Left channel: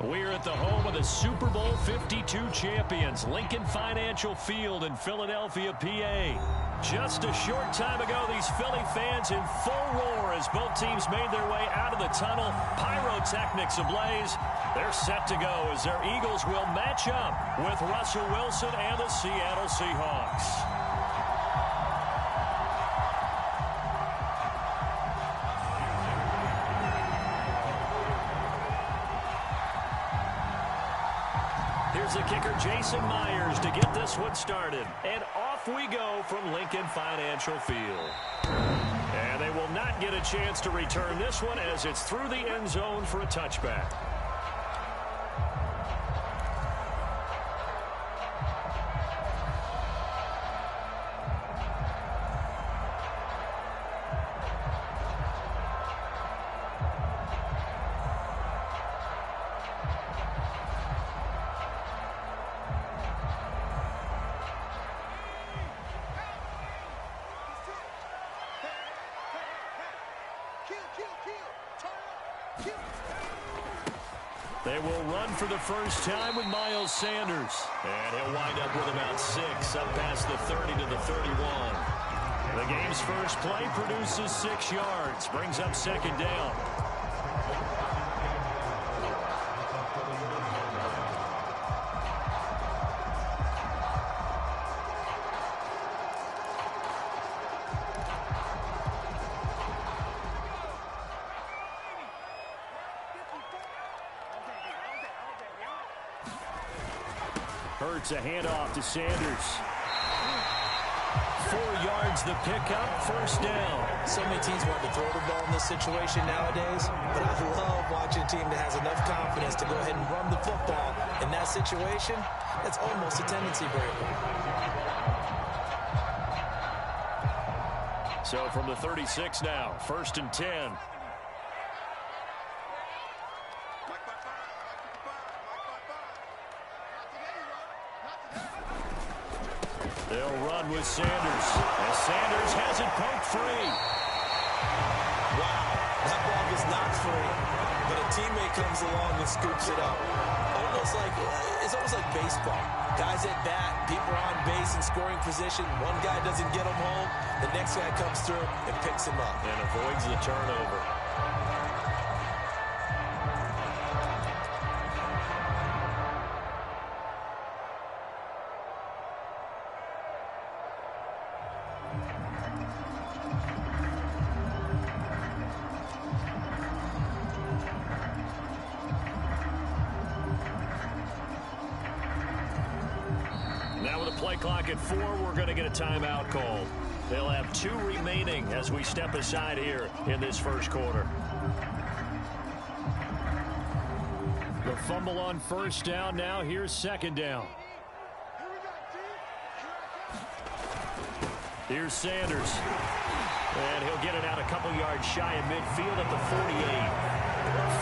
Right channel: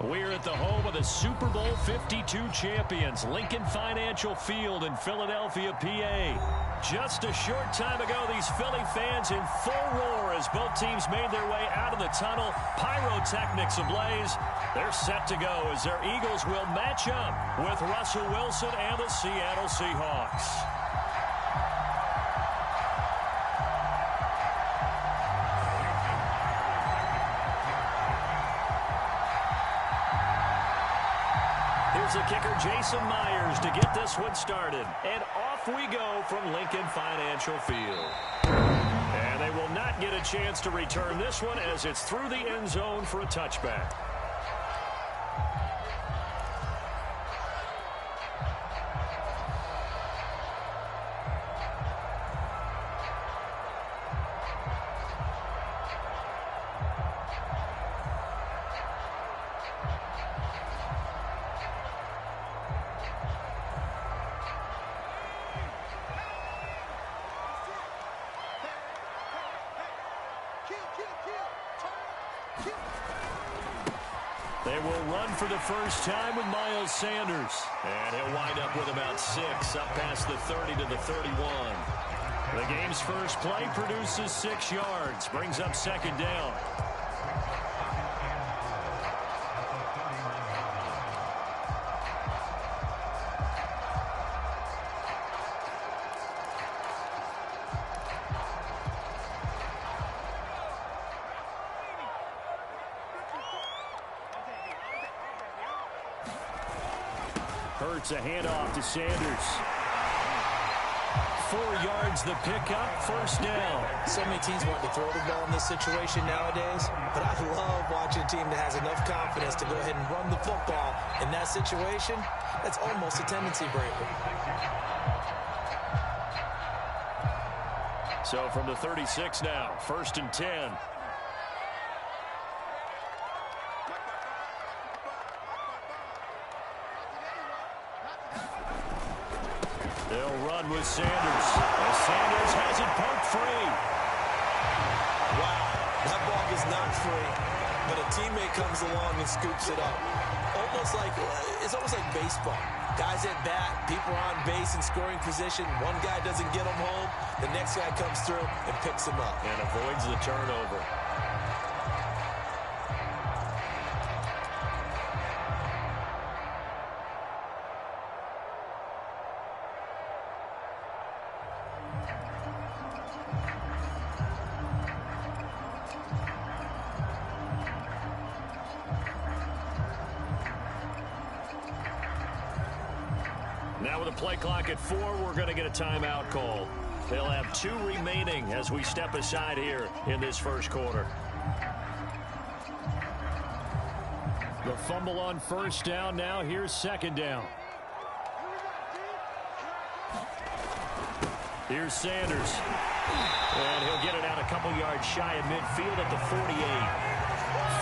We're at the home of the Super Bowl 52 champions, Lincoln Financial Field in Philadelphia, PA. Just a short time ago, these Philly fans in full roar as both teams made their way out of the tunnel. Pyrotechnics ablaze. They're set to go as their Eagles will match up with Russell Wilson and the Seattle Seahawks. Here's the kicker, Jason Myers, to get this one started. And off we go from Lincoln Financial Field. And they will not get a chance to return this one as it's through the end zone for a touchback. They will run for the first time with Miles Sanders. And he'll wind up with about 6, up past the 30 to the 31. The game's first play produces 6 yards, brings up second down. Hurts a handoff to Sanders. 4 yards the pickup, first down. So many teams want to throw the ball in this situation nowadays, but I love watching a team that has enough confidence to go ahead and run the football in that situation. That's almost a tendency breaker. So from the 36 now, first and 10. They'll run with Sanders. And Sanders has it poked free. Wow, that ball is not free, but a teammate comes along and scoops it up. It's almost like baseball. Guys at bat, people are on base in scoring position. One guy doesn't get him home. The next guy comes through and picks him up. And avoids the turnover. Now with a play clock at 4, we're going to get a timeout called. They'll have 2 remaining as we step aside here in this first quarter. The fumble on first down now. Here's second down. Here's Sanders. And he'll get it out a couple yards shy of midfield at the 48.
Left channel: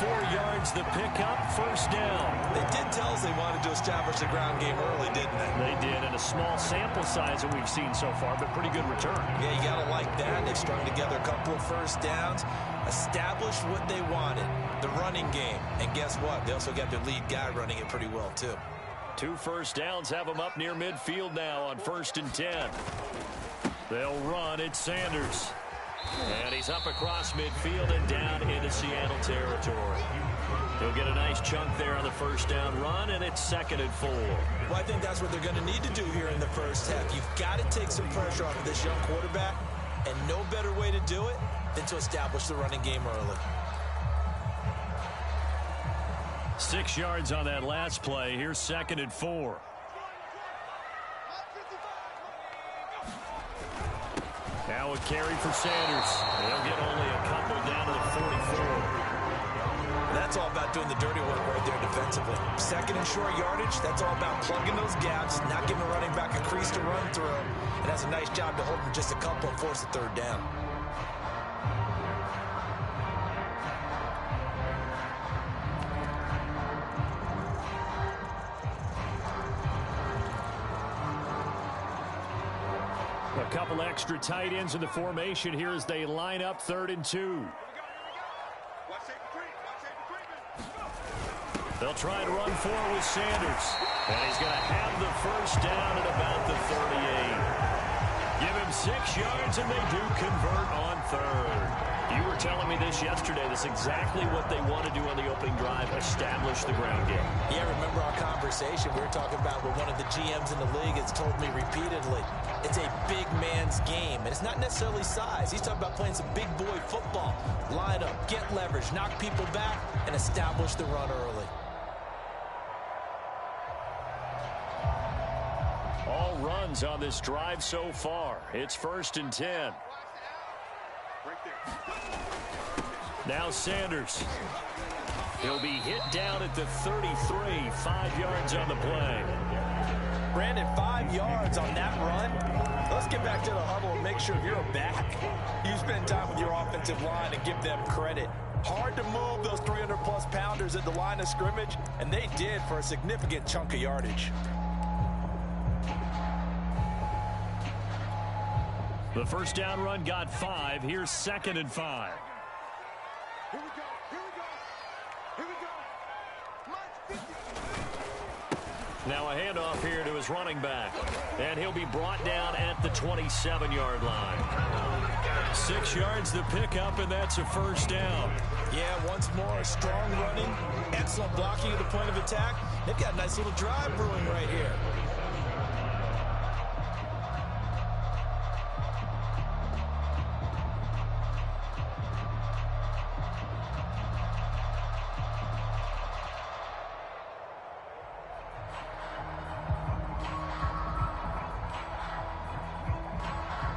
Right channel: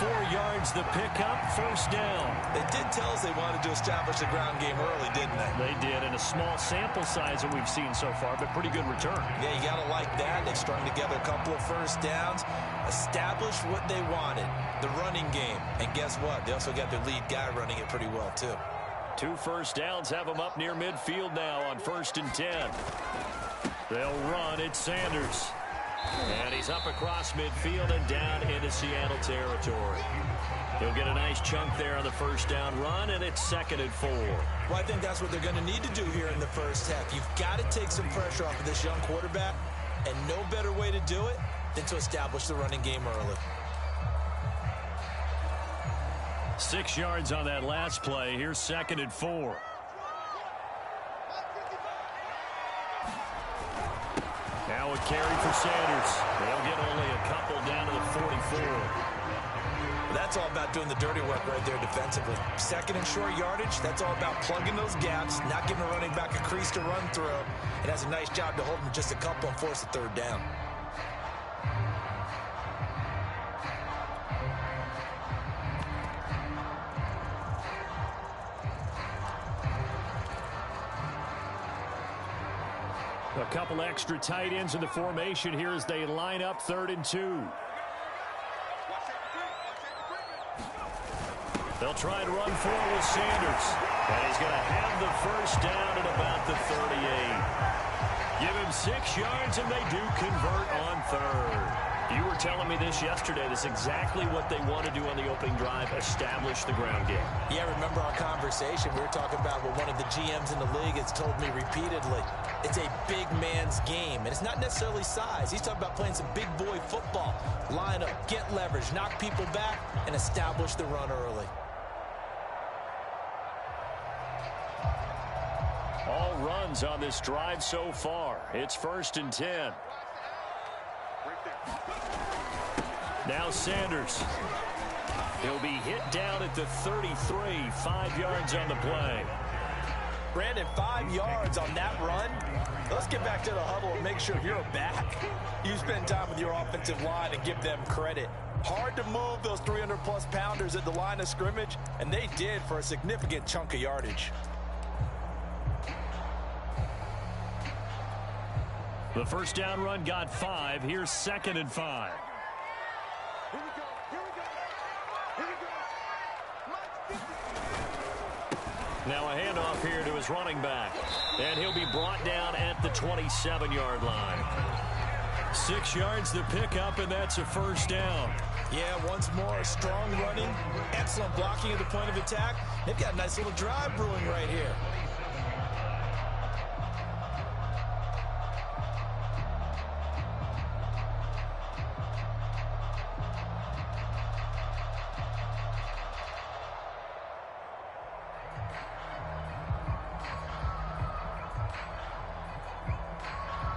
4 yards the pickup, first down. They did tell us they wanted to establish the ground game early, didn't they? They did, and a small sample size that we've seen so far, but pretty good return. Yeah, you got to like that. They've strung together a couple of first downs, established what they wanted, the running game. And guess what? They also got their lead guy running it pretty well, too. 2 first downs have them up near midfield now on first and 10. They'll run. It's Sanders. And he's up across midfield and down into Seattle territory. He'll get a nice chunk there on the first down run, and it's second and 4. Well, I think that's what they're going to need to do here in the first half. You've got to take some pressure off of this young quarterback, and no better way to do it than to establish the running game early. 6 yards on that last play. Here's second and 4. Now a carry for Sanders. They'll get only a couple down to the 44. That's all about doing the dirty work right there defensively. Second and short yardage, that's all about plugging those gaps, not giving a running back a crease to run through. It has a nice job to hold him just a couple and force a third down. A couple extra tight ends in the formation here as they line up 3rd and 2. They'll try and run forward with Sanders. And he's going to have the first down at about the 38. Give him 6 yards, and they do convert on third. You were telling me this yesterday. This is exactly what they want to do on the opening drive, establish the ground game. Yeah, remember our conversation. We were talking about what one of the GMs in the league has told me repeatedly. It's a big man's game, and it's not necessarily size. He's talking about playing some big boy football. Line up, get leverage, knock people back, and establish the run early. All runs on this drive so far. It's 1st and 10. Now Sanders. He'll be hit down at the 33, 5 yards on the play. Brandon, 5 yards on that run. Let's get back to the huddle and make sure if you're a back, you spend time with your offensive line and give them credit. Hard to move those 300-plus pounders at the line of scrimmage, and they did for a significant chunk of yardage. The first down run got 5. Here's 2nd and 5. Here we go. Here we go. Here we go. Mike 50. Now a handoff here to his running back. And he'll be brought down at the 27-yard line. 6 yards to pick up, and that's a first down. Yeah, once more, strong running, excellent blocking at the point of attack. They've got a nice little drive brewing right here.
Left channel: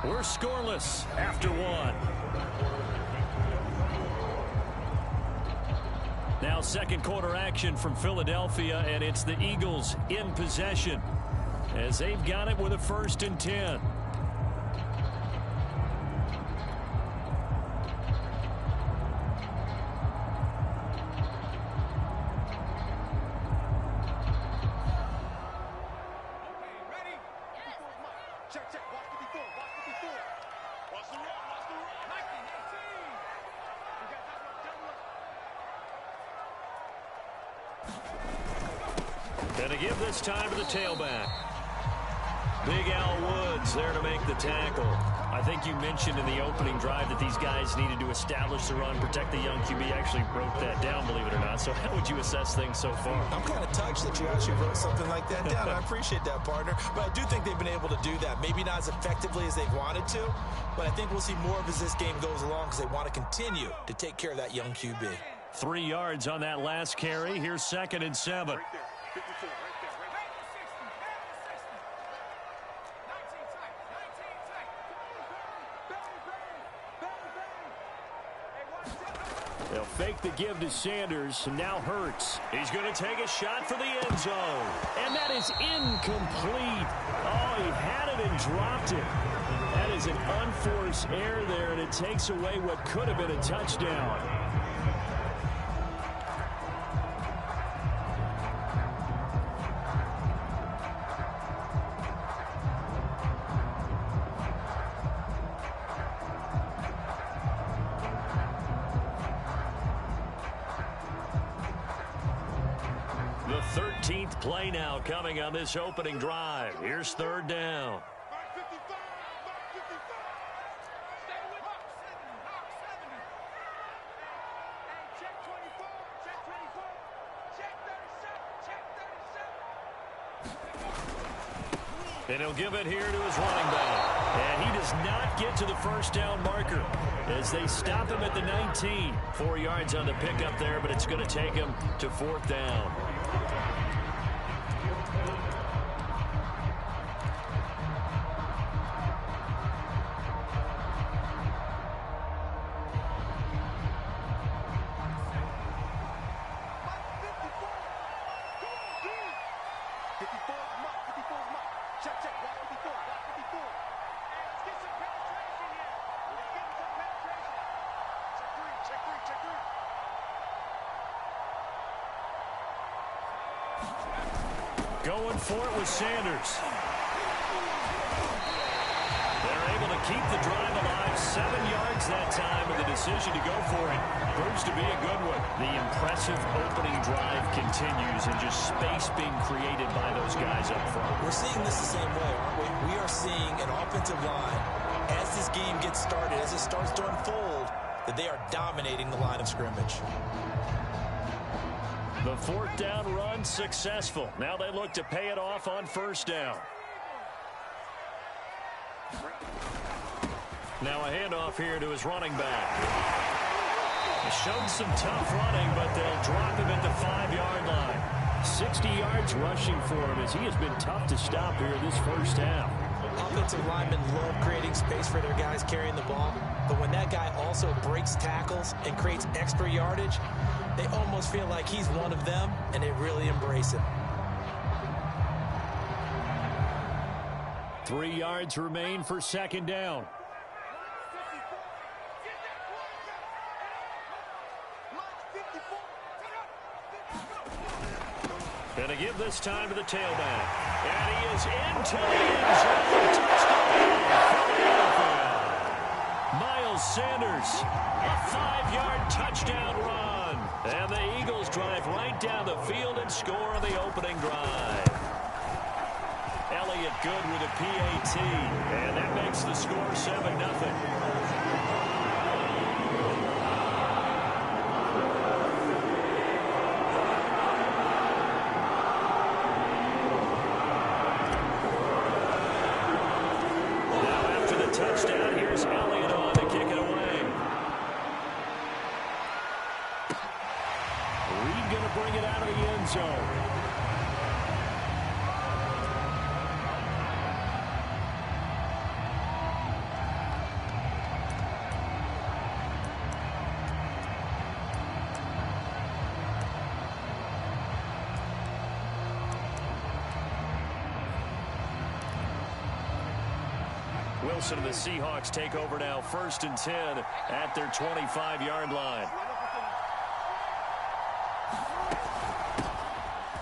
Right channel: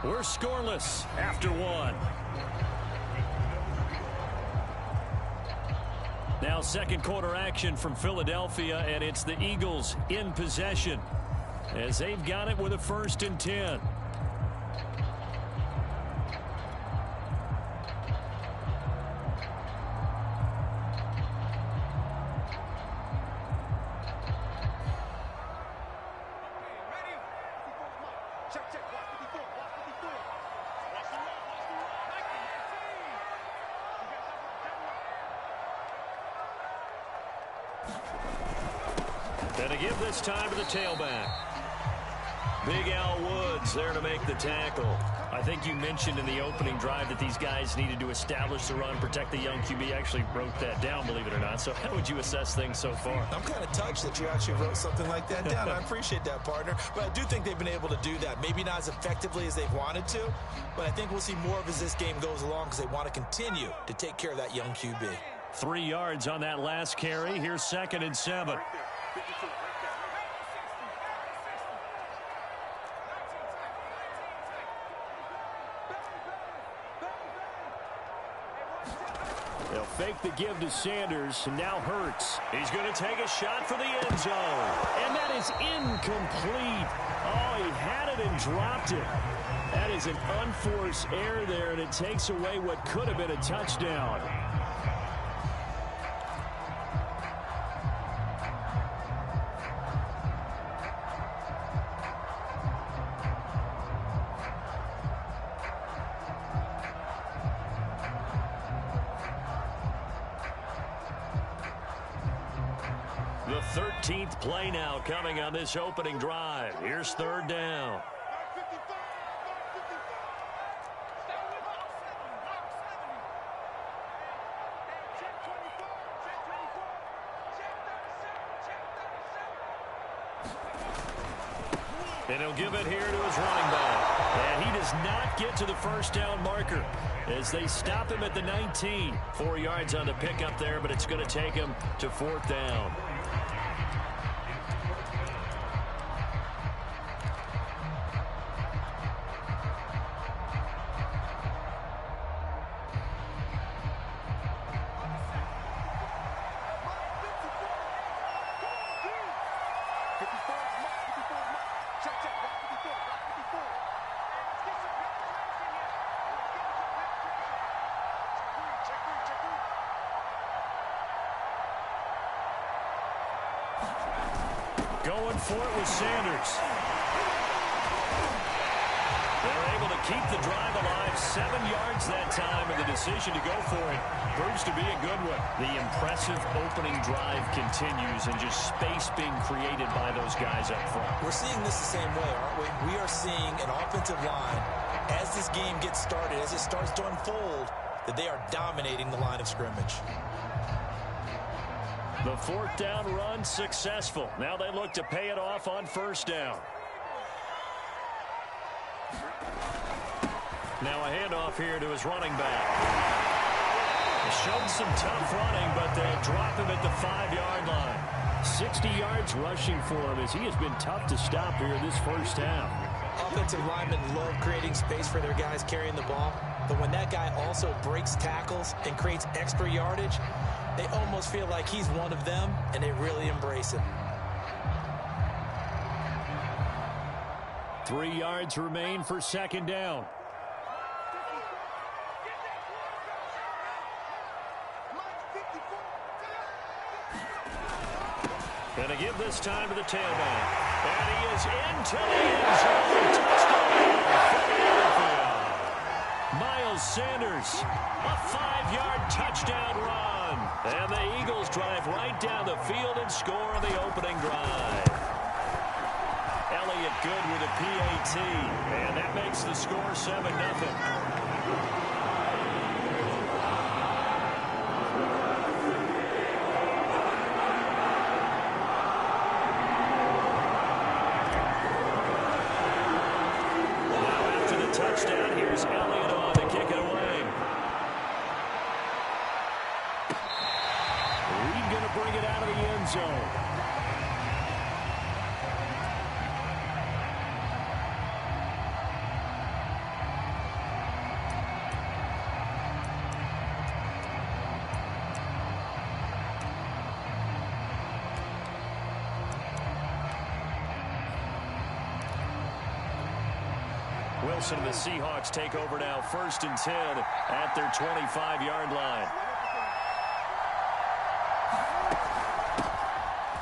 We're scoreless after 1. Now second quarter action from Philadelphia, and it's the Eagles in possession as they've got it with a 1st and 10. And to give this time to the tailback. Big Al Woods there to make the tackle. I think you mentioned in the opening drive that these guys needed to establish the run, protect the young QB. I actually wrote that down, believe it or not. So how would you assess things so far? I'm kind of touched that you actually wrote something like that down. I appreciate that, partner. But I do think they've been able to do that. Maybe not as effectively as they've wanted to, but I think we'll see more of as this game goes along because they want to continue to take care of that young QB. 3 yards on that last carry. Here's 2nd and 7. Right there. 54, right there. Right there. 60. They'll fake the give to Sanders, and now Hurts. He's going to take a shot for the end zone. And that is incomplete. Oh, he had it and dropped it. That is an unforced error there, and it takes away what could have been a touchdown. The 13th play now coming on this opening drive. Here's 3rd down. Mark 55. Mark 55. Stay with Mark 70. Mark 70. Hey, check 24. Check 24. Check 37. Check 37. And he'll give it here to his running back. And he does not get to the first down marker as they stop him at the 19. 4 yards on the pickup there, but it's going to take him to 4th down. Going for it with Sanders. They're able to keep the drive alive, 7 yards that time, and the decision to go for it proves to be a good one. The impressive opening drive continues, and just space being created by those guys up front. We're seeing this the same way, aren't we? We are seeing an offensive line, as this game gets started, as it starts to unfold, that they are dominating the line of scrimmage. The 4th down run successful. Now they look to pay it off on 1st down. Now a handoff here to his running back. He showed some tough running, but they'll drop him at the 5-yard line. 60 yards rushing for him as he has been tough to stop here this first half. Offensive linemen love creating space for their guys carrying the ball, but when that guy also breaks tackles and creates extra yardage, they almost feel like he's one of them, and they really embrace him. 3 yards remain for 2nd down. And to give this time to the tailback. And he is into the end zone. Touchdown, Philadelphia. Miles Sanders, a 5-yard touchdown run. And the Eagles drive right down the field and score on the opening drive. Elliott good with a PAT. And that makes the score 7-0. Touchdown. Here's Elliott on to kick it away. Reed going to bring it out of the end zone. Wilson and the Seahawks take over now, 1st and 10 at their 25-yard line.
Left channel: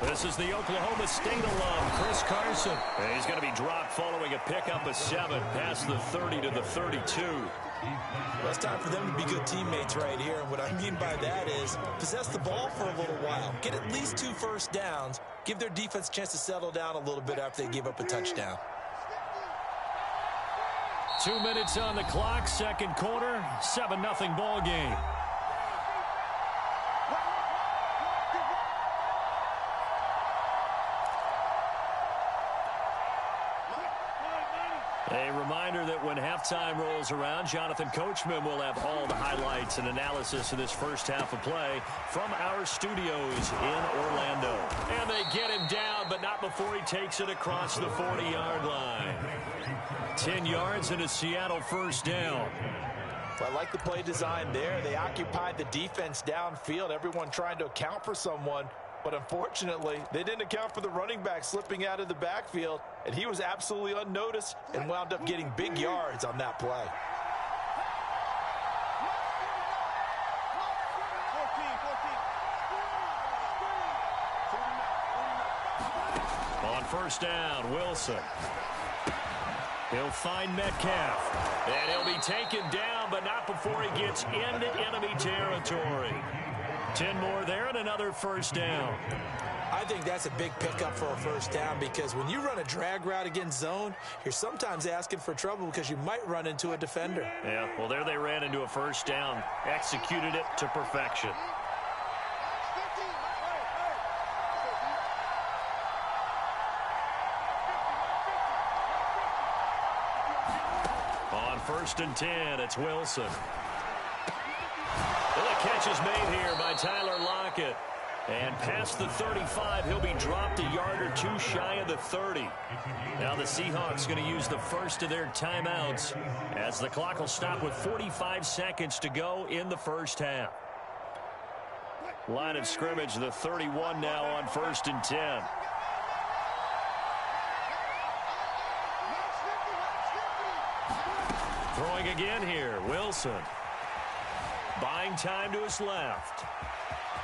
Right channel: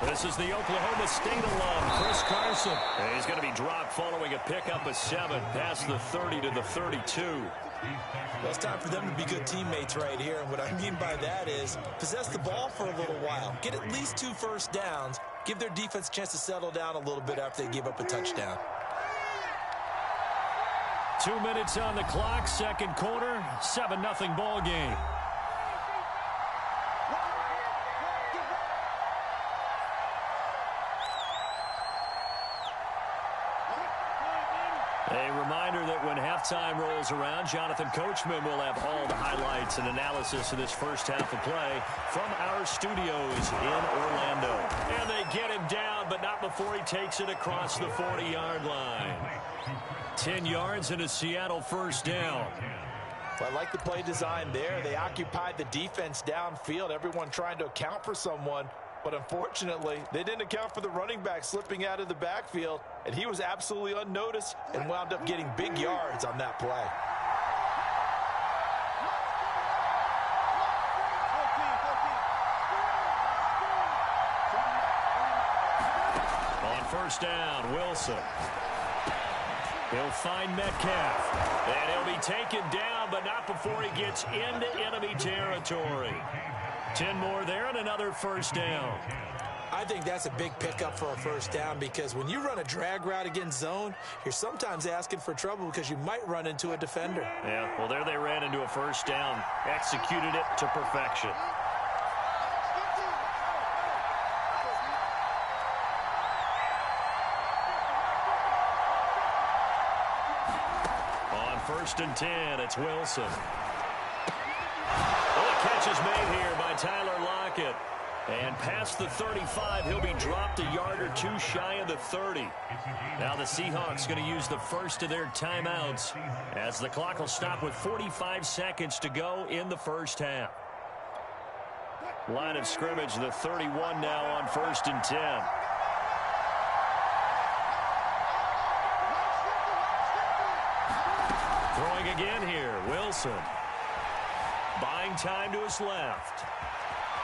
This is the Oklahoma State alum, Chris Carson. And he's going to be dropped following a pickup of 7 past the 30 to the 32. Well, it's time for them to be good teammates right here. And what I mean by that is possess the ball for a little while. Get at least 2 first downs. Give their defense a chance to settle down a little bit after they give up a touchdown. 2 minutes on the clock, 2nd quarter, 7-0 ball game. A reminder that when halftime rolls around, Jonathan Coachman will have all the highlights and analysis of this first half of play from our studios in Orlando. And they get him down, but not before he takes it across the 40-yard line. 10 yards and a Seattle 1st down. Well, I like the play design there. They occupied the defense downfield, everyone trying to account for someone. But unfortunately, they didn't account for the running back slipping out of the backfield, and he was absolutely unnoticed and wound up getting big yards on that play. On 1st down, Wilson. He'll find Metcalf. And he'll be taken down, but not before he gets into enemy territory. 10 more there and another 1st down. I think that's a big pickup for a 1st down because when you run a drag route against zone, you're sometimes asking for trouble because you might run into a defender. Yeah, well, there they ran into a 1st down. Executed it to perfection. On 1st and 10, it's Wilson. Well, the catch is made here by Tyler Lockett. And past the 35, he'll be dropped a yard or 2 shy of the 30. Now the Seahawks going to use the first of their timeouts as the clock will stop with 45 seconds to go in the first half. Line of scrimmage, the 31 now on 1st and 10. Throwing again here, Wilson. Buying time to his left.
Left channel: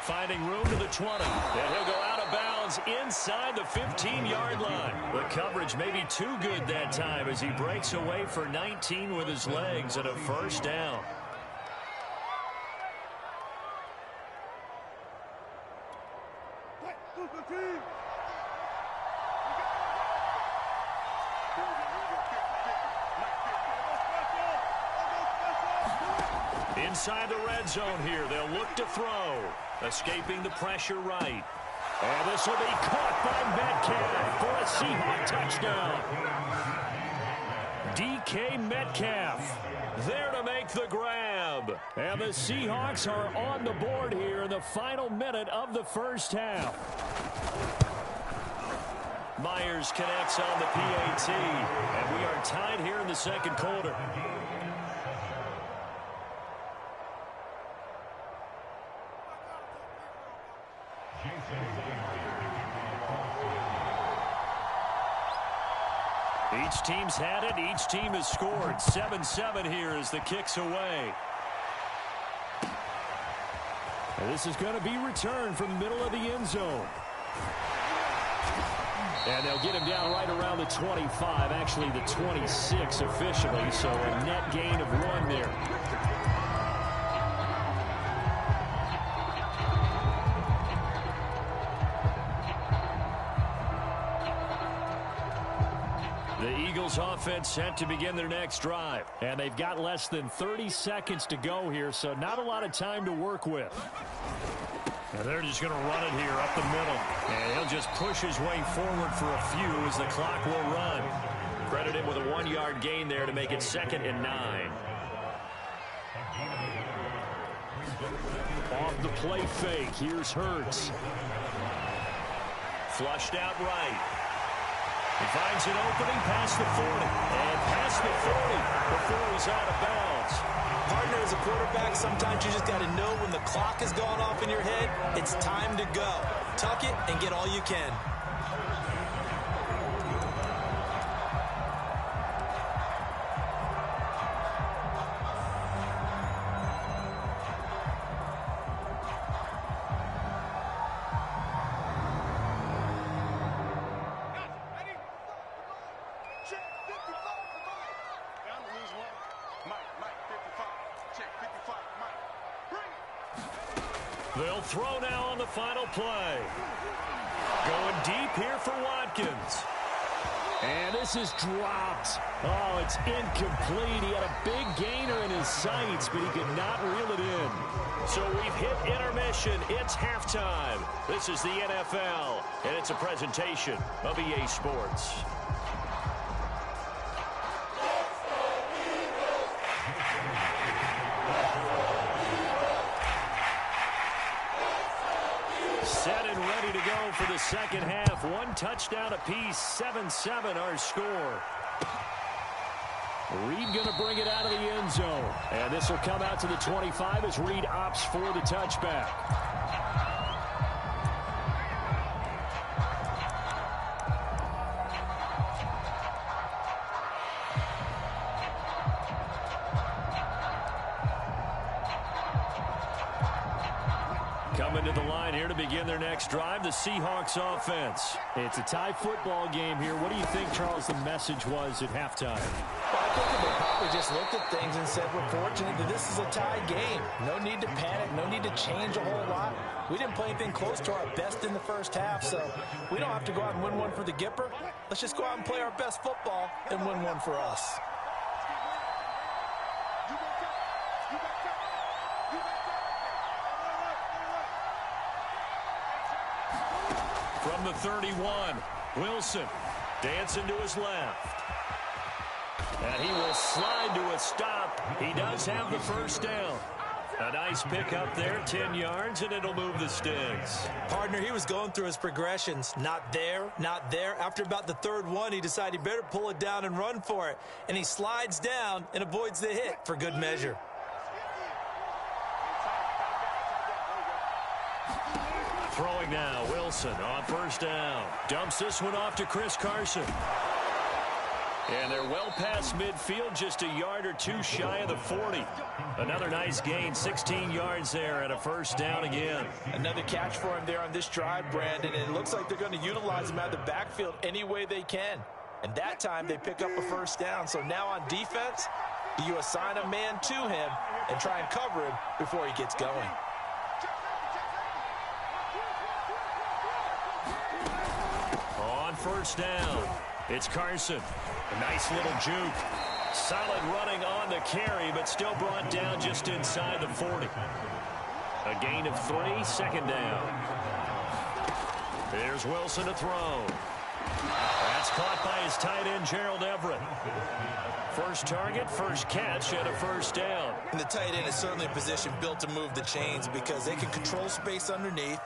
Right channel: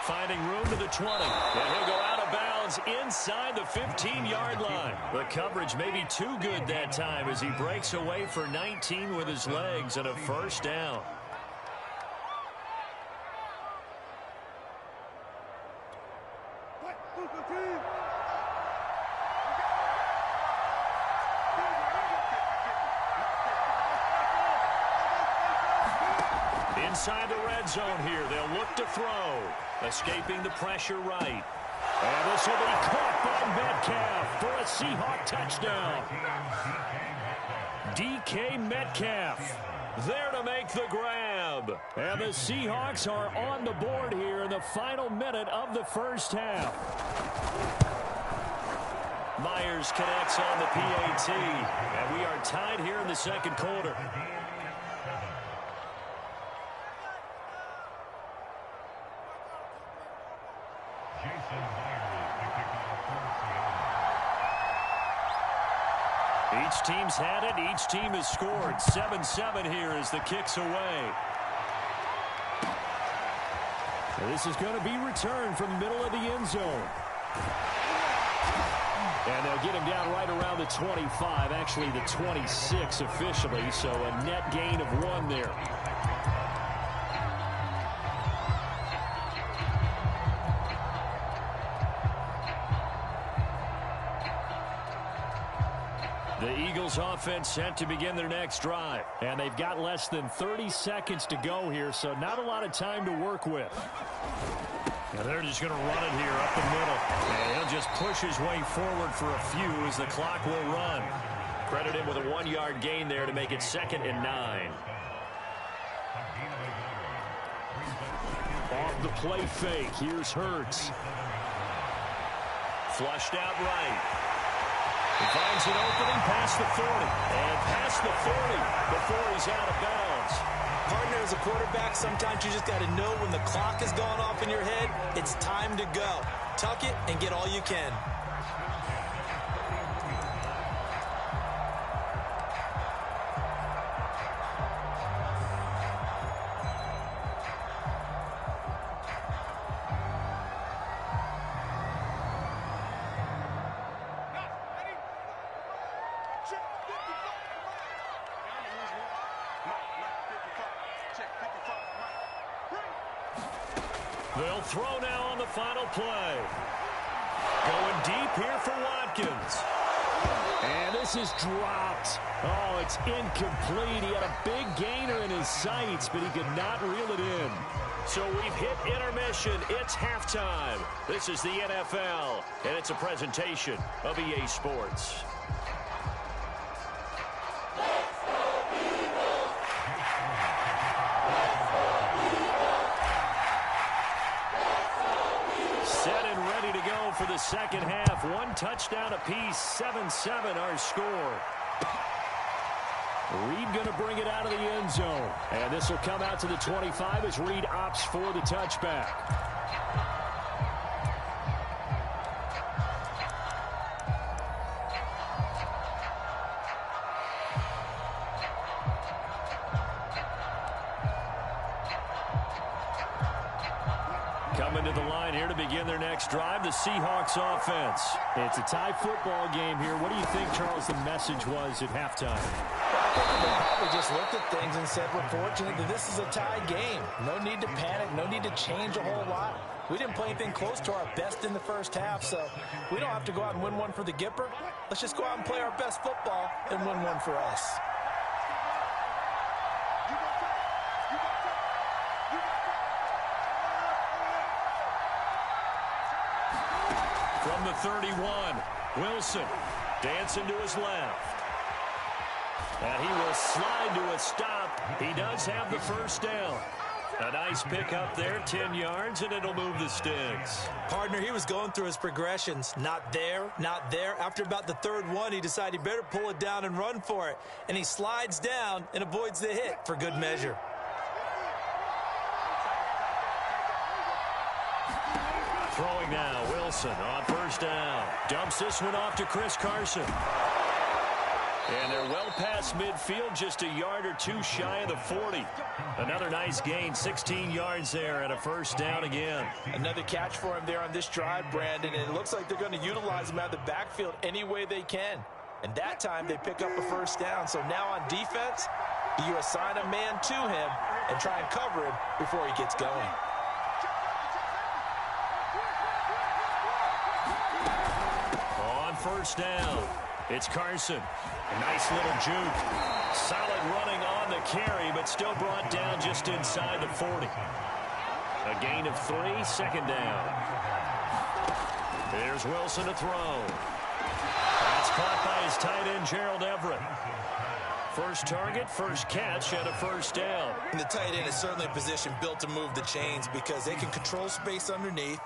finding room to the 20. And he'll go out of bounds inside the 15-yard line. The coverage may be too good that time as he breaks away for 19 with his legs and a first down. Inside the red zone here, they'll look to throw. Escaping the pressure right. And this will be caught by Metcalf for a Seahawk touchdown. DK Metcalf there to make the grab. And the Seahawks are on the board here in the final minute of the first half. Myers connects on the PAT. And we are tied here in the second quarter. Each team's had it. Each team has scored. 7-7 here as the kick's away. And this is going to be returned from the middle of the end zone. And they'll get him down right around the 25, actually the 26 officially, so a net gain of 1 there. The Eagles offense set to begin their next drive. And they've got less than 30 seconds to go here, so not a lot of time to work with. And they're just going to run it here up the middle. And he'll just push his way forward for a few as the clock will run. Credit him with a 1-yard gain there to make it 2nd and 9. Off the play fake, here's Hurts. Flushed out right. He finds an opening past the 40. And past the 40 before he's out of bounds. Partner, as a quarterback, sometimes you just got to know when the clock has gone off in your head, it's time to go. Tuck it and get all you can. They'll throw now on the final play. Going deep here for Watkins. And this is dropped. Oh, it's incomplete. He had a big gainer in his sights, but he could not reel it in. So we've hit intermission. It's halftime. This is the NFL, and it's a presentation of EA Sports. Set and ready to go for the second half. 1 touchdown apiece, 7-7 our score. Reed going to bring it out of the end zone. And this will come out to the 25 as Reed opts for the touchback. Coming to the line here to begin their next drive, the Seahawks offense. It's a tie football game here. What do you think, Charles, the message was at halftime? Well, I think they probably just looked at things and said, we're fortunate that this is a tie game. No need to panic, no need to change a whole lot. We didn't play anything close to our best in the first half, so we don't have to go out and win one for the Gipper. Let's just go out and play our best football and win one for us. From the 31, Wilson dancing to his left. And he will slide to a stop. He does have the first down. A nice pickup there, 10 yards, and it'll move the sticks. Partner, he was going through his progressions. Not there, not there. After about the third one, he decided he better pull it down and run for it. And he slides down and avoids the hit for good measure. Throwing now, Wilson on first down. Dumps this one off to Chris Carson. And they're well past midfield, just a yard or two shy of the 40. Another nice gain, 16 yards there and a first down again. Another catch for him there on this drive, Brandon, and it looks like they're going to utilize him out of the backfield any way they can. And that time they pick up a first down. So now on defense, you assign a man to him and try and cover him before he gets going. On first down, it's Carson. A nice little juke. Solid running on the carry, but still brought down just inside the 40. A gain of 3, second down. There's Wilson to throw. That's caught by his tight end, Gerald Everett. First target, first catch, and a first down. And the tight end is certainly a position built to move the chains because they can control space underneath.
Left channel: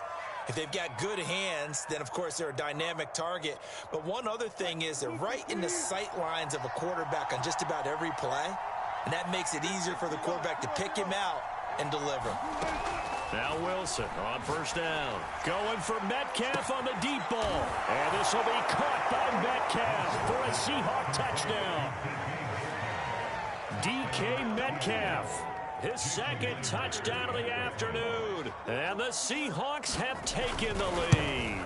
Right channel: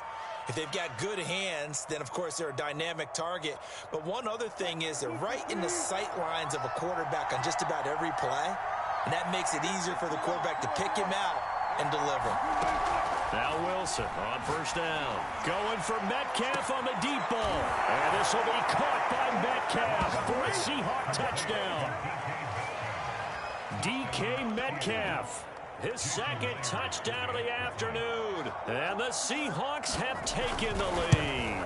If they've got good hands, then, of course, they're a dynamic target. But one other thing is they're right in the sight lines of a quarterback on just about every play, and that makes it easier for the quarterback to pick him out and deliver. Now Wilson on first down. Going for Metcalf on the deep ball. And this will be caught by Metcalf for a Seahawk touchdown. DK Metcalf. His second touchdown of the afternoon. And the Seahawks have taken the lead.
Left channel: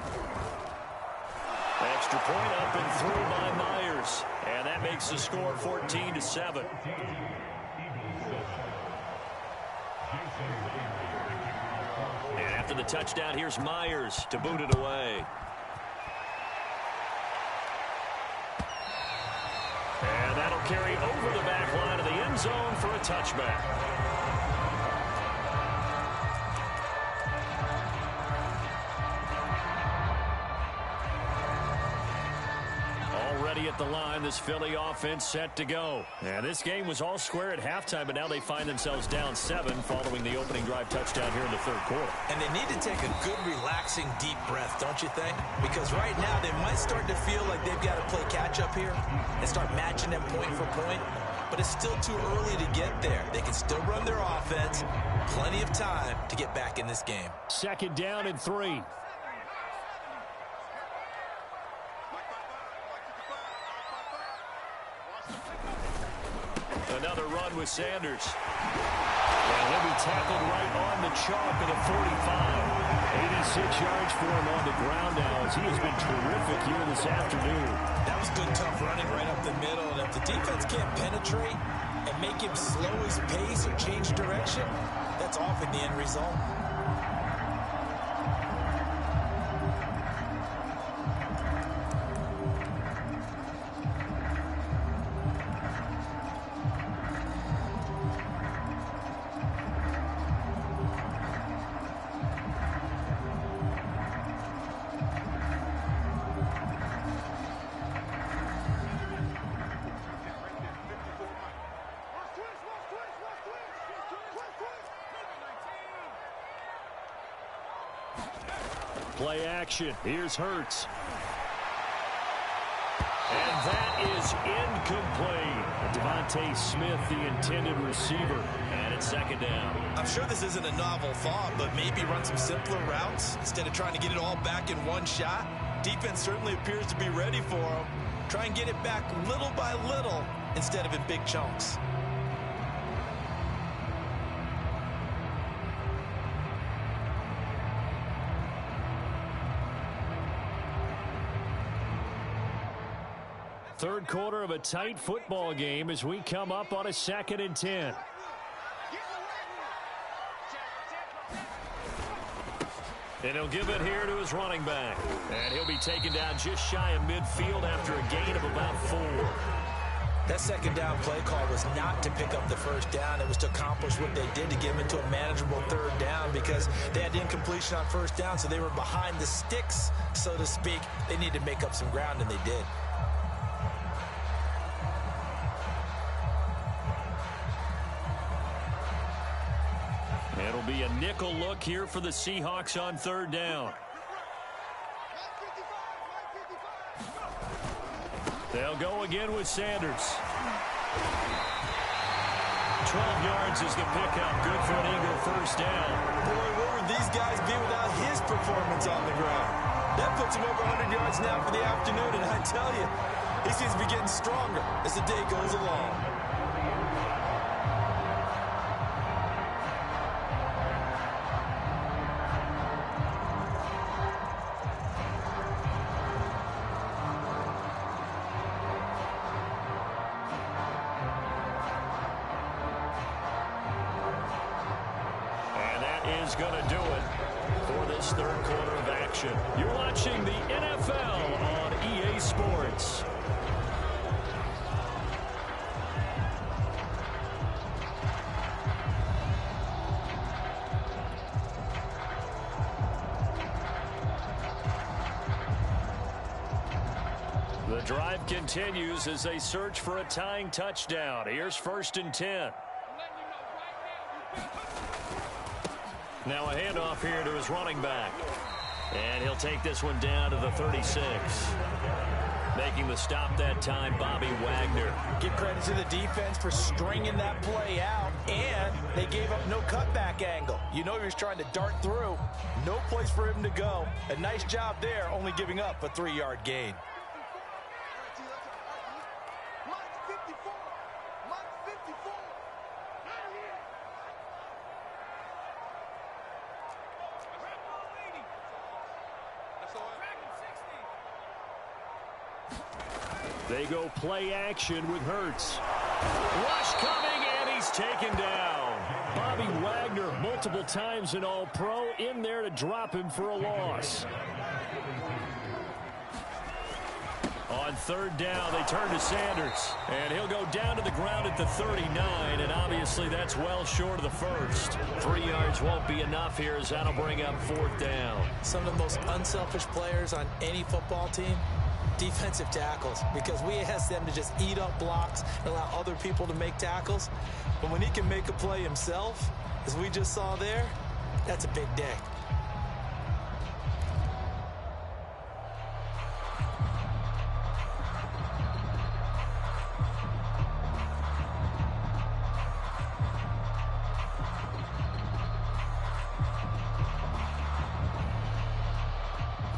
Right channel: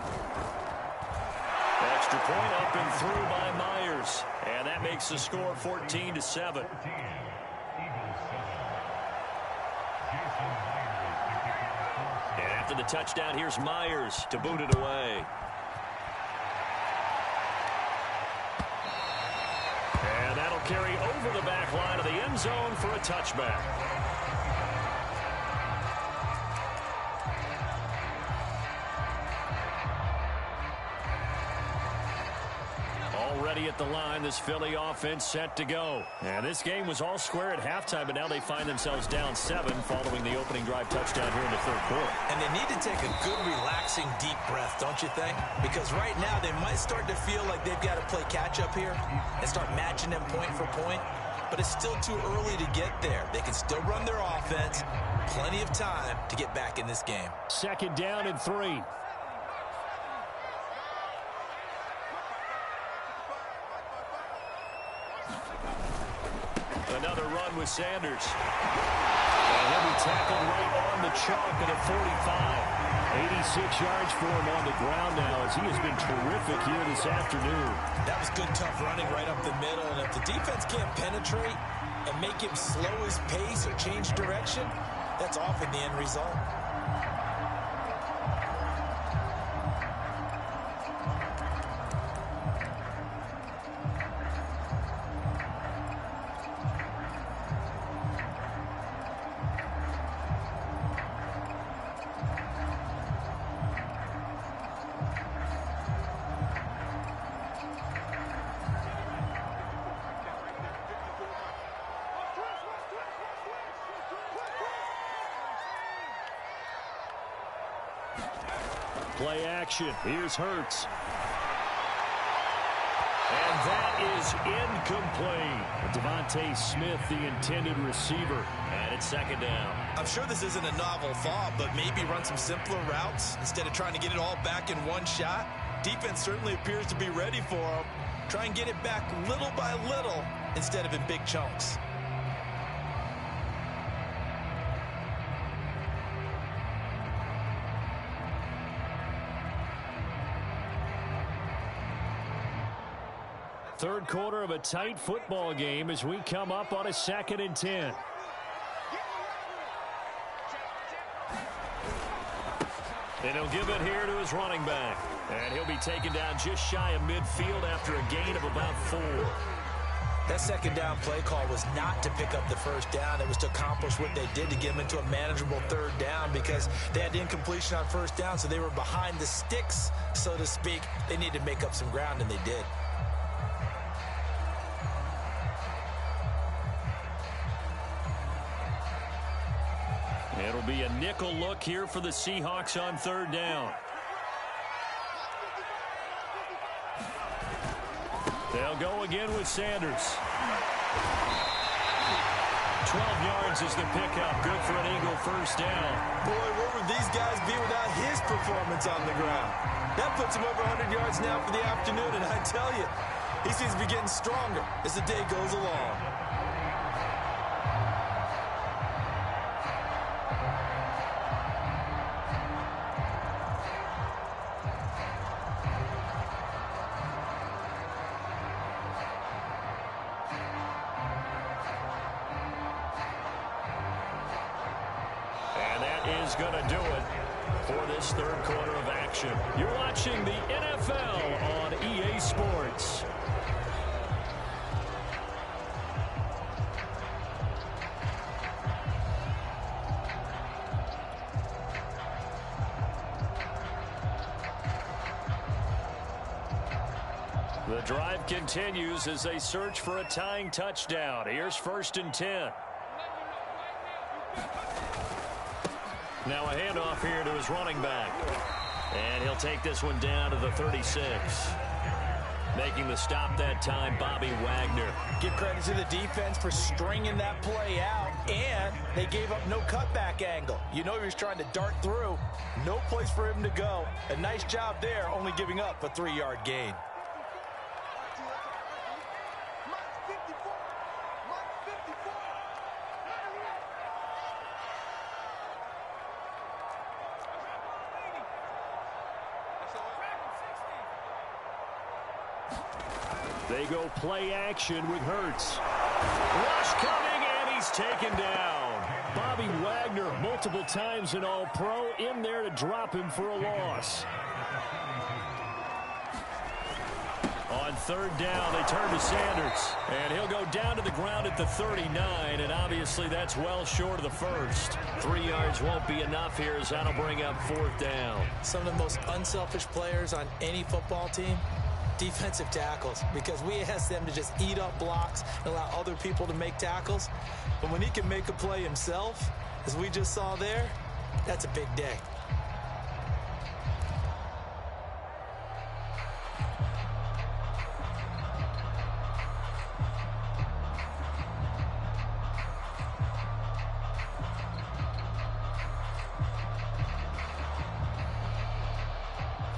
Extra point up and through by Myers. And that makes the score 14-7. And after the touchdown, here's Myers to boot it away. And that'll carry over the back line of the end zone for a touchback. Already at the line, this Philly offense set to go. And this game was all square at halftime, but now they find themselves down 7 following the opening drive touchdown here in the third quarter. And they need to take a good, relaxing, deep breath, don't you think? Because right now they might start to feel like they've got to play catch-up here and start matching them point for point. But it's still too early to get there. They can still run their offense. Plenty of time to get back in this game. Second down and 3. Another run with Sanders. And he'll be tackled right on the chalk of the 45. 86 yards for him on the ground now as he has been terrific here this afternoon. That was good, tough running right up the middle. And if the defense can't penetrate and make him slow his pace or change direction, that's often the end result. Play action. Here's Hurts. And that is incomplete. Devontae Smith, the intended receiver. And it's second down. I'm sure this isn't a novel thought, but maybe run some simpler routes instead of trying to get it all back in one shot. Defense certainly appears to be ready for them. Try and get it back little by little instead of in big chunks. Third quarter of a tight football game as we come up on a 2nd and 10. And he'll give it here to his running back. And he'll be taken down just shy of midfield after a gain of about 4. That second down play call was not to pick up the first down. It was to accomplish what they did to get them into a manageable third down because they had incompletion on first down, so they were behind the sticks, so to speak. They needed to make up some ground, and they did. It'll be a nickel look here for the Seahawks on third down. They'll go again with Sanders. 12 yards is the pickup. Good for an Eagle first down. Boy, where would these guys be without his performance on the ground? That puts him over 100 yards now for the afternoon, and I tell you, He seems to be getting stronger as the day goes along. And that is going to do it for this third quarter of action. You're watching the NFL on EA Sports. The drive continues as they search for a tying touchdown. Here's 1st and 10. Now a handoff here to his running back. And he'll take this one down to the 36. Making the stop that time, Bobby Wagner. Give credit to the defense for stringing that play out, and they gave up no cutback angle. You know he was trying to dart through. No place for him to go. A nice job there, only giving up a 3-yard gain. They go play action with Hurts. Rush coming, and he's taken down. Bobby Wagner, multiple times an All-Pro, in there to drop him for a loss. On 3rd down, they turn to Sanders. And he'll go down to the ground at the 39, and obviously that's well short of the first. 3 yards won't be enough here as that'll bring up 4th down. Some of the most unselfish players on any football team, defensive tackles, because we ask them to just eat up blocks and allow other people to make tackles. But when he can make a play himself, as we just saw there, that's a big day.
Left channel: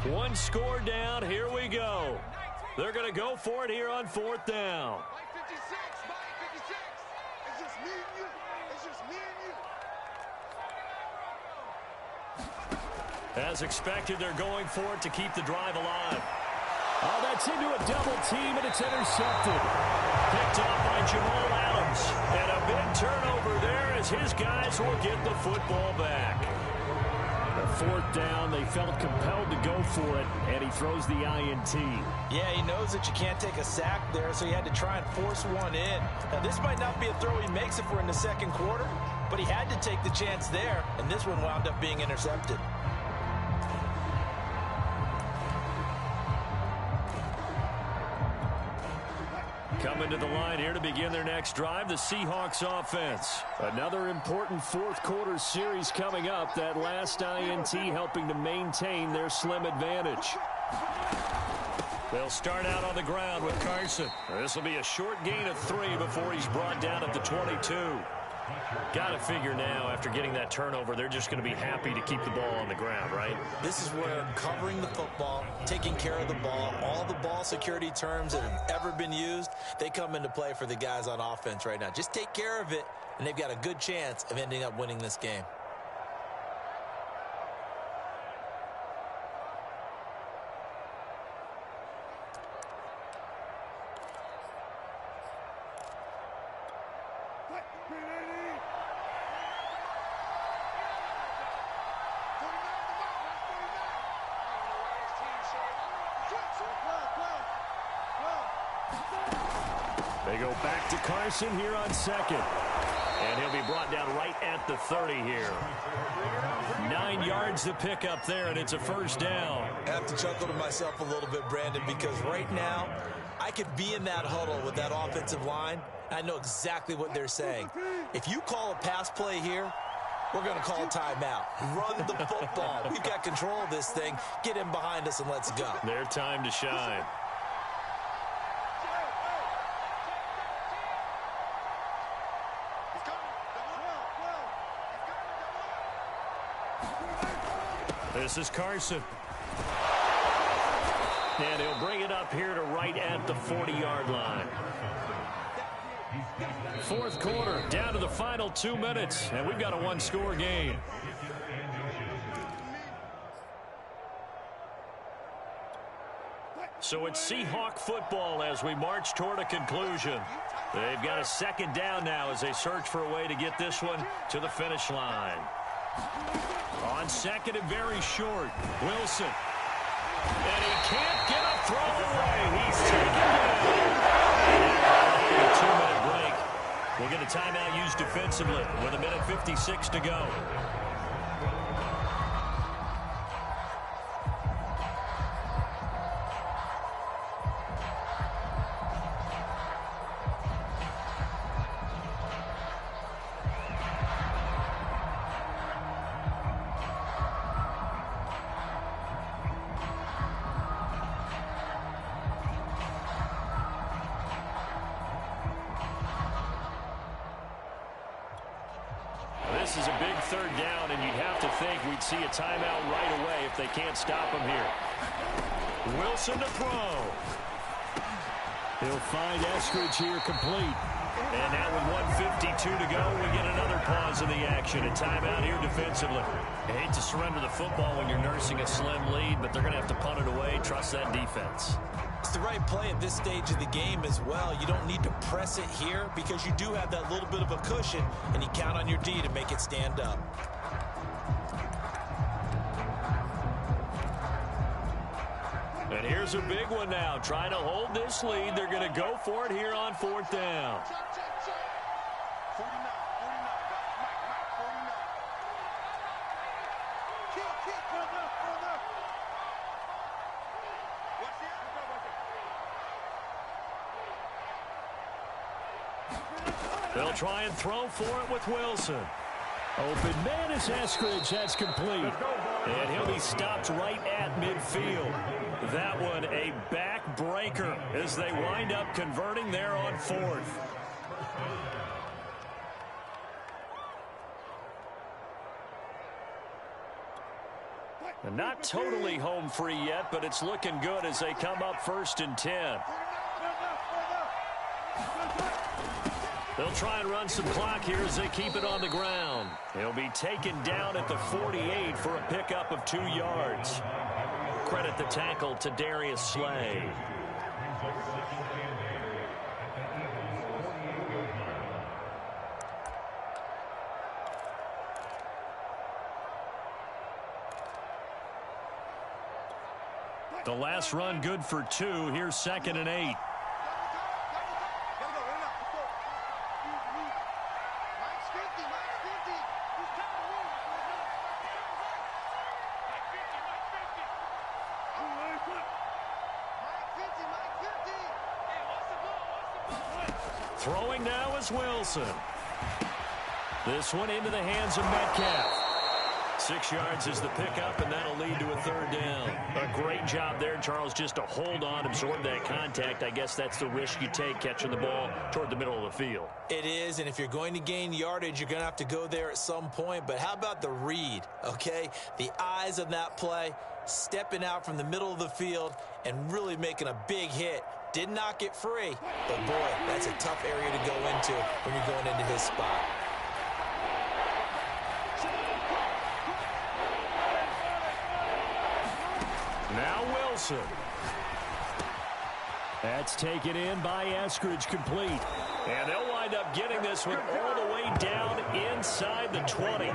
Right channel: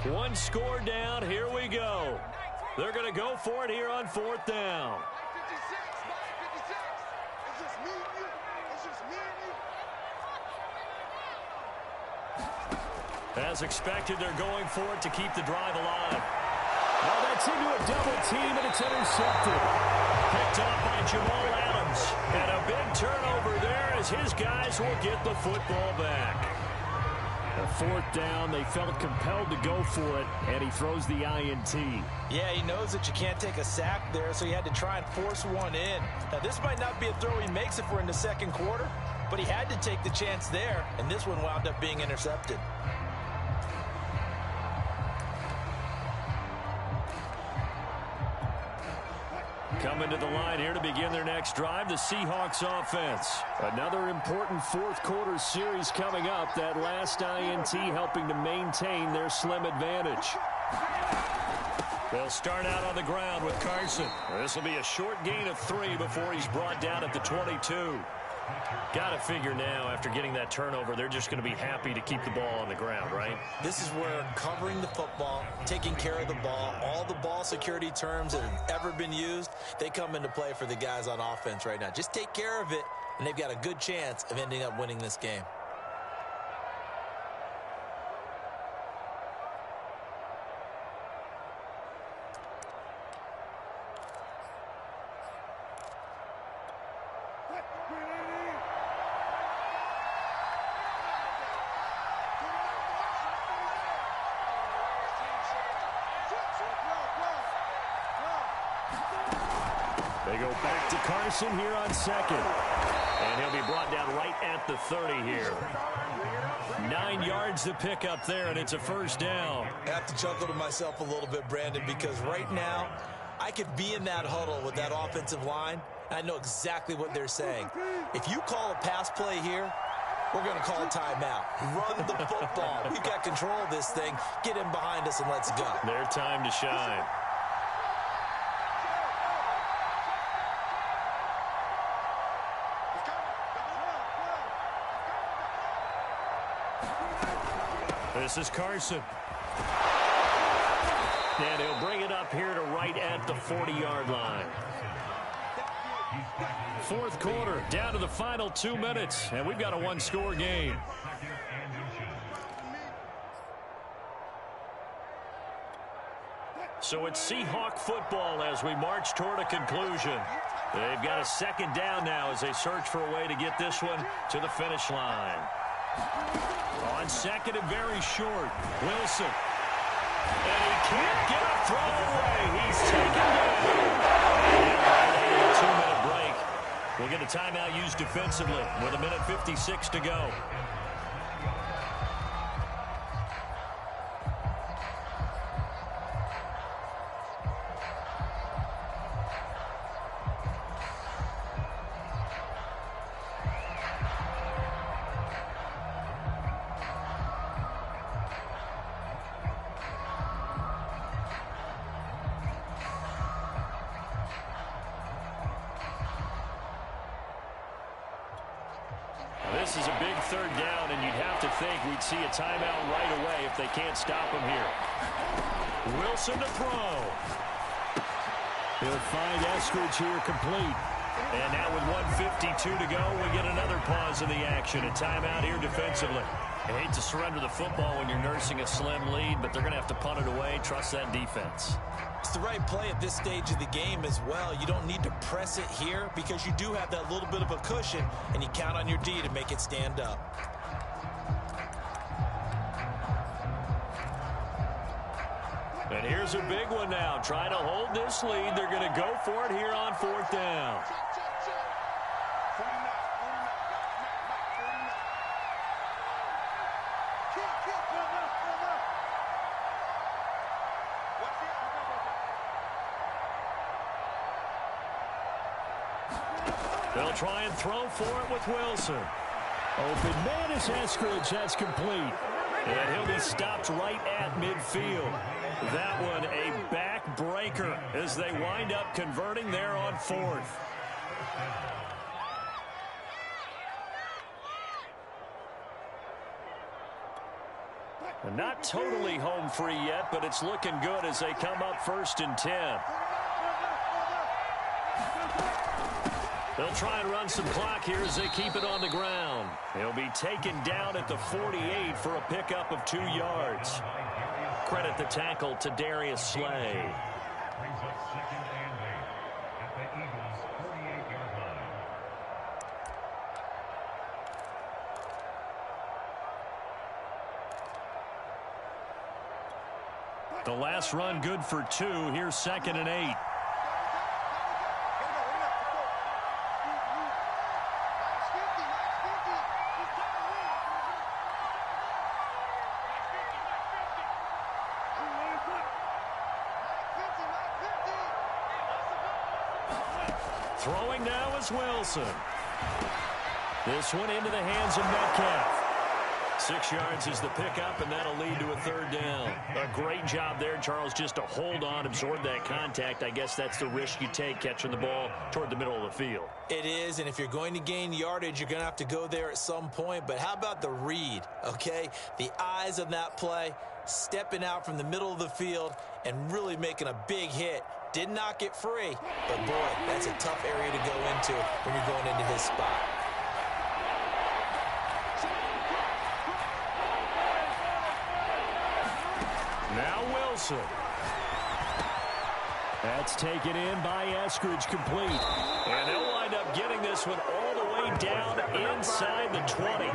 One score down. Here we go. They're going to go for it here on 4th down. Mike 56, Mike 56. It's just me and you. It's just me and you. As expected, they're going for it to keep the drive alive. Oh, that's into a double team, and it's intercepted. Picked off by Jamal Adams. And a big turnover there as his guys will get the football back. A 4th down, they felt compelled to go for it, and he throws the INT. Yeah, he knows that you can't take a sack there, so he had to try and force one in. Now, this might not be a throw he makes if we're in the 2nd quarter, but he had to take the chance there, and this one wound up being intercepted. Coming to the line here to begin their next drive, the Seahawks offense. Another important 4th quarter series coming up. That last INT helping to maintain their slim advantage. They'll start out on the ground with Carson. This will be a short gain of 3 before he's brought down at the 22. Got to figure now, after getting that turnover, they're just going to be happy to keep the ball on the ground, right? This is where covering the football, taking care of the ball, all the ball security terms that have ever been used, they come into play for the guys on offense right now. Just take care of it, and they've got a good chance of ending up winning this game. They go back to Carson here on 2nd. And he'll be brought down right at the 30 here. 9 yards to pick up there, and it's a 1st down. I have to chuckle to myself a little bit, Brandon, because right now I could be in that huddle with that offensive line. I know exactly what they're saying. If you call a pass play here, we're going to call a timeout. Run the football. We've got control of this thing. Get in behind us and let's go. Their time to shine. This is Carson. And he'll bring it up here to right at the 40-yard line. Fourth quarter, down to the final 2 minutes, and we've got a one-score game. So it's Seahawk football as we march toward a conclusion. They've got a second down now as they search for a way to get this one to the finish line. On second and very short, Wilson. And he can't get a throw away. He's taken down. And a 2-minute break. We'll get a timeout used defensively with 1:56 to go. This is a big third down, and you'd have to think we'd see a timeout right away if they can't stop him here. Wilson to throw. He'll find Eskridge here complete. And now with 1:52 to go, we get another pause in the action. A timeout here defensively. I hate to surrender the football when you're nursing a slim lead, but they're going to have to punt it away. Trust that defense. It's the right play at this stage of the game as well. You don't need to press it here because you do have that little bit of a cushion, and you count on your D to make it stand up. And here's a big one now. Trying to hold this lead. They're going to go for it here on fourth down. Check. 49, guys. Mike, 49. Kill. Pull up. Watch the out. They'll try and throw for it with Wilson. Open man is Eskridge. That's complete. And he'll be stopped right at midfield. That one a backbreaker as they wind up converting there on fourth. And not totally home free yet, but it's looking good as they come up 1st and 10. They'll try and run some clock here as they keep it on the ground. He'll be taken down at the 48 for a pickup of 2 yards. Credit the tackle to Darius Slay. The last run good for 2. Here's 2nd and 8. Throwing now is Wilson. This one into the hands of Metcalf. 6 yards is the pickup, and that'll lead to a 3rd down. A great job there, Charles, just to hold on, absorb that contact. I guess that's the risk you take catching the ball toward the middle of the field. It is, and if you're going to gain yardage, you're going to have to go there at some point. But how about the read, okay? The eyes on that play, stepping out from the middle of the field and really making a big hit. Did not get free, but boy, that's a tough area to go into when you're going into his spot. Now Wilson. That's taken in by Eskridge, complete. And they'll wind up getting this one all the way down inside the 20.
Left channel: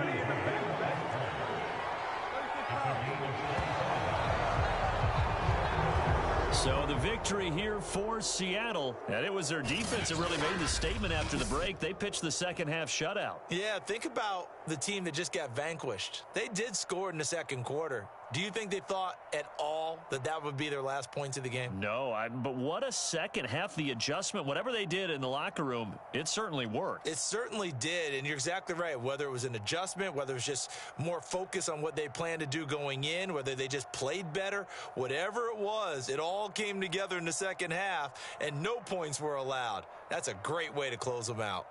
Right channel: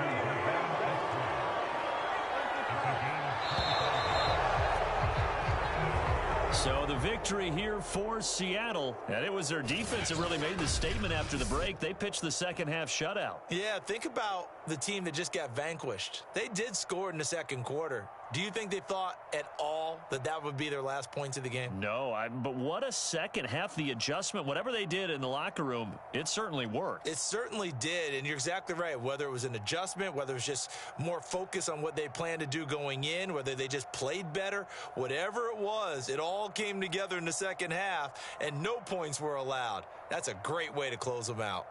So the victory here for Seattle. And it was their defense that really made the statement after the break. They pitched the second half shutout. Yeah, think about the team that just got vanquished. They did score in the second quarter. Do you think they thought at all that that would be their last points of the game? No, but what a second half. The adjustment, whatever they did in the locker room, it certainly worked. It certainly did, and you're exactly right. Whether it was an adjustment, whether it was just more focus on what they planned to do going in, whether they just played better, whatever it was, it all came together in the second half, and no points were allowed. That's a great way to close them out.